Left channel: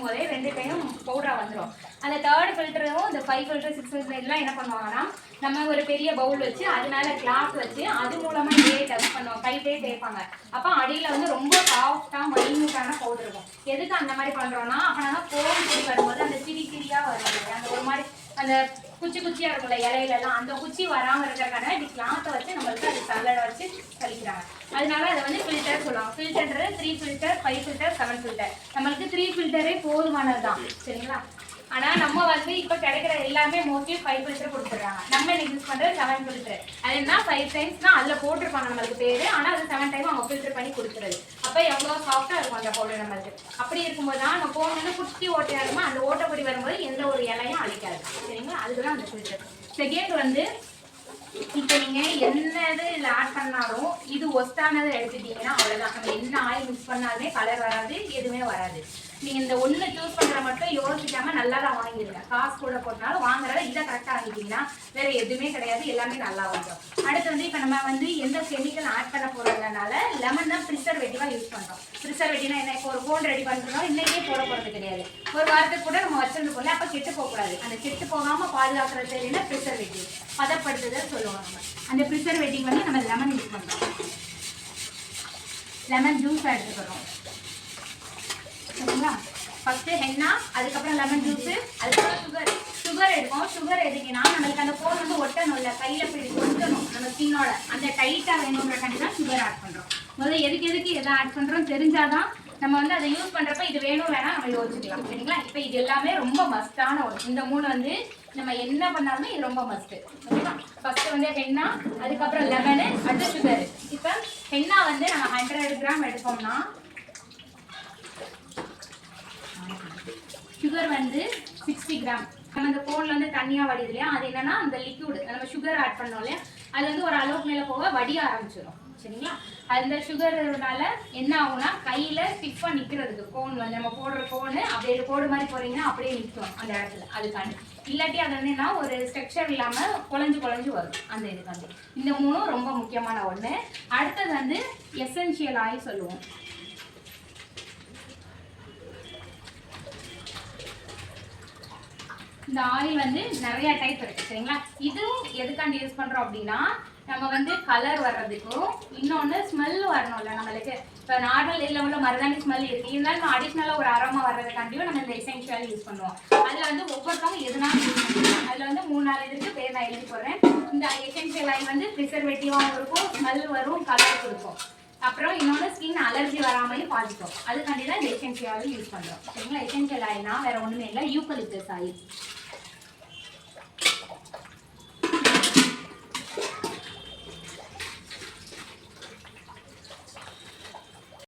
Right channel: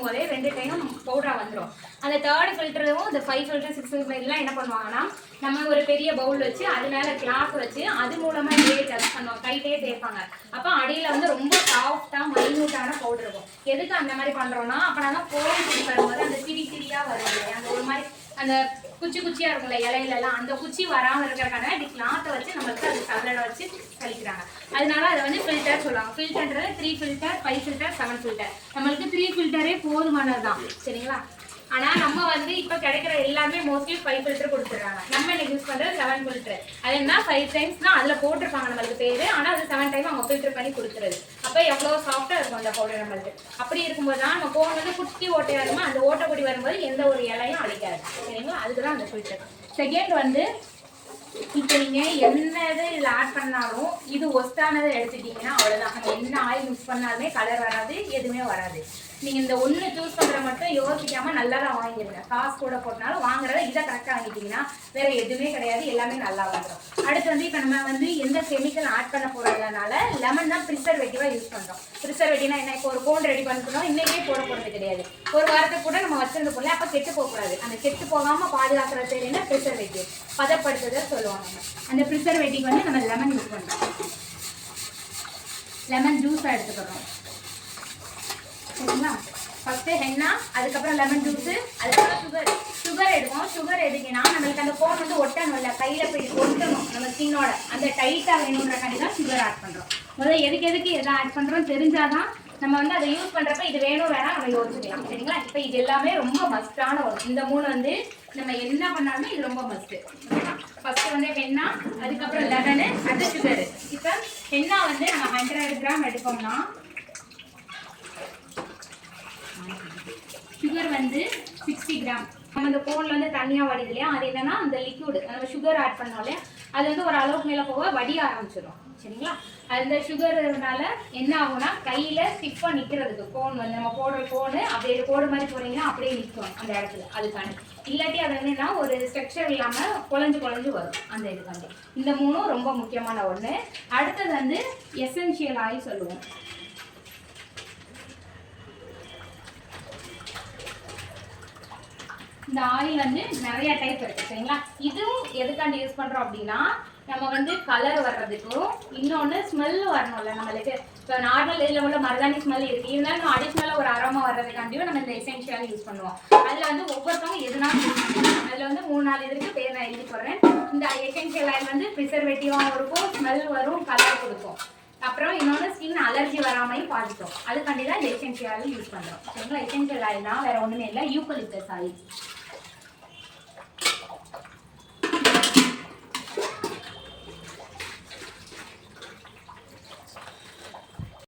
ஊற்றும் போதே 2 டைம் பவுடராக வந்துடும். அந்த 3rd ஃபில்டரும் இந்த 5 ஃபில்டர் 6 ஃபில்டர் இதெல்லாம் என்ன பண்ணுவாங்கன்னா நம்ம ஒரு பெரிய பவுல் வச்சு அது மேலே கிளாத் வச்சு அது மூலமாக இதே டெஸ்ட் பண்ணுவோம், கைட்டே தேய்ப்பாங்க. அப்போ அடியில் வந்து ரொம்ப சாஃப்டாக மைன்யூட்டான பவுடர் இருக்கும். எதுக்கு அந்த மாதிரி பண்ணுறோன்னா அப்போ நாங்கள் கோன் குடி வரும்போது அந்த சிரியாக வரும், அந்த ஒரு மாதிரி அந்த குச்சியாக இருக்கும்ல இலையிலலாம், அந்த குச்சி வராமல் இருக்கிறக்கான இப்படி கிளாத்தை வச்சு நம்மளுக்கு அது சல்லடை வச்சு கழிக்கிறாங்க. அதனால அதை வந்து ஃபில்டர் சொல்லுவாங்க. ஃபில்டர்ன்றது 3 ஃபில்டர் 5 ஃபில்டர் 7 ஃபில்டர். நம்மளுக்கு 3 ஃபில்டரே போதுமானது தான், சரிங்களா? ஆனால் நம்ம வந்து இப்போ கிடைக்கிற எல்லாமே மோஸ்ட்லி 5 ஃபில்டர் கொடுத்துட்றாங்க. நம்ம இன்னைக்கு யூஸ் பண்ணுறது 7 ஃபில்டர். அது என்ன 5 டைம்ஸ் தான் அதில் போட்டிருப்பாங்க நம்மளுக்கு பேர், ஆனால் அது 7 டைம் அவங்க ஃபில்டர் பண்ணி கொடுத்துருது. அப்போ எவ்வளோ சாஃப்டாக இருக்கும் அந்த பவுடர் நம்மளுக்கு. அப்படி இருக்கும்போது தான் நம்ம கோன் வந்து குட்டி ஓட்டையாக இருக்குமோ அந்த ஓட்டைப்படி வரும்போது எந்த ஒரு இலையும் அழிக்காது, சரிங்களா? அதுக்கு தான் அந்த ஃபில்டர். செகண்ட் வந்து இப்போ நீங்கள் என்ன இதில் ஆட் பண்ணாலும் இது ஒஸ்டானதை எடுத்துட்டீங்கன்னா அவ்வளோதான். நம்ம என்ன ஆயில் மிக்ஸ் பண்ணாலுமே கலர் வராது, எதுவுமே வராது. நீங்கள் இந்த ஒன்று சூஸ் பண்ணுற மட்டும் யோசிக்காமல் நல்லா தான் வாங்கிடுங்க. காசு கூட போட்டனாலும் வாங்குறத இதை கரெக்டாக வாங்கிட்டீங்கன்னா வேறு எதுவுமே கிடையாது, எல்லாமே நல்லா வந்துடும். அடுத்து வந்து இப்போ நம்ம வந்து எந்த கெமிக்கல் ஆட் பண்ண போகிறதுனால லெமன் தான் ப்ரிசர்வேட்டிவாக யூஸ் பண்ணுறோம். ப்ரிசர்வேட்டிவ்னா என்ன, இப்போ ஒரு கோன் ரெடி பண்ணிட்டோம் இன்றைக்கே போட போகிறது கிடையாது, ஒரு வாரத்துக்கு கூட நம்ம வச்சிருந்த போல அப்போ கெட்டு போகக்கூடாது. அந்த கெட்டு போகாமல் பாதுகாக்கிறது என்ன ப்ரிசர்வேட்டிவ், பதப்படுத்துதல் சொல்லுவாங்க. அந்த ப்ரிசர்வேட்டிவ் வந்து நம்ம லெமன் யூஸ் பண்ணுறோம். லெமன் ஜூஸாக எடுத்துக்கிறோம், சரிங்களா? ஃபஸ்ட்டு ஹென்னா, அதுக்கப்புறம் லெமன் ஜூஸு, அதுக்கப்புறம் சுகர் எடுப்போம். சுகர் எதுக்குன்னா நம்மளுக்கு அந்த கோன் வந்து ஒட்டணும்ல, கையில் போய் ஒட்டணும் நம்ம ஸ்கின்னோட, அந்த டைட்டாக வேணுன்றக்காண்டி தான் சுகர் ஆட் பண்ணுறோம். முதல்ல எதுக்கு எதை ஆட் பண்ணுறோம் தெரிஞ்சாதான் நம்ம வந்து அதை யூஸ் பண்ணுறப்ப இது வேணும் வேணால் நம்ம யோசிக்கலாம், சரிங்களா? இப்போ இது எல்லாமே ரொம்ப மஸ்டான ஒன்று. இந்த 3 வந்து நம்ம என்ன பண்ணாலுமே இது ரொம்ப மஸ்ட்டு, ஓகேவா? ஃபஸ்ட்டு வந்து ஹென்னா, அதுக்கப்புறம் லெமனு, அடுத்து சுகரு. இப்போ ஹென்னா வந்து நம்ம 100 கிராம் எடுப்போம்னா சுகர் வந்து 60 கிராம். நம்ம இந்த கோனில் வந்து தண்ணியாக வடிது இல்லையா, அது என்னன்னா அந்த லிக்விடு நம்ம சுகர் ஆட் பண்ணோம் இல்லையா, அது வந்து ஒரு அளவுக்கு மேலே போக வடிய ஆரம்பிச்சிடும், சரிங்களா? அந்த சுகர்னால என்ன ஆகும்னா கையில் ஸ்டிஃபாக நிற்கிறதுக்கு கோன் வந்து நம்ம போடுற கோனு அப்படியே கோடு மாதிரி போகிறீங்கன்னா அப்படியே நிற்கும் அந்த இடத்துல. அதுக்காண்டி இல்லாட்டி அது என்னன்னா ஒரு ஸ்ட்ரக்சர் இல்லாமல் குழஞ்சு வரும் அந்த இதுக்காண்டி. இந்த 3 ரொம்ப முக்கியமான ஒன்று. அடுத்தது வந்து எசென்ஷியல் ஆயில் சொல்லுவோம். இந்த ஆயில் வந்து நிறைய டைப் இருக்குது, சரிங்களா? இதுவும் எதுக்காண்டி யூஸ் பண்ணுறோம் அப்படின்னா நம்ம வந்து கலர் வர்றதுக்கும், இன்னொன்று ஸ்மெல் வரணும்ல நம்மளுக்கு. இப்போ நார்மல் இதில் உள்ள மருதாணி ஸ்மெல் இருக்குது, இருந்தாலும் அடிஷ்னலாக ஒரு அரோமா வர்றதுக்காண்டியும் நம்ம இந்த எசென்ஷியல் யூஸ் பண்ணுவோம். அதில் வந்து ஒவ்வொருத்தவங்க எதுனாலும் யூஸ் பண்ணுவோம். அதில் வந்து 3-4 இதுக்கு பேர் நான் எழுதி போடுறேன். இந்த எசென்ஷியல் ஆயில் வந்து ப்ரிசர்வேட்டிவாகவும் இருக்கும், ஸ்மெல் வரும், கலர் கொடுக்கும். அப்புறம் இன்னொன்று ஸ்கின் அலர்ஜி வராமையும் பாதிக்கும். அதுக்காண்டி தான் இந்த எசென்ஷியல் ஆயில் யூஸ் பண்ணுறோம், சரிங்களா? எசென்ஷியல் ஆயில்னா வேறு ஒன்றுமே இல்லை, யூக்கலிப்டஸ் ஆயில்.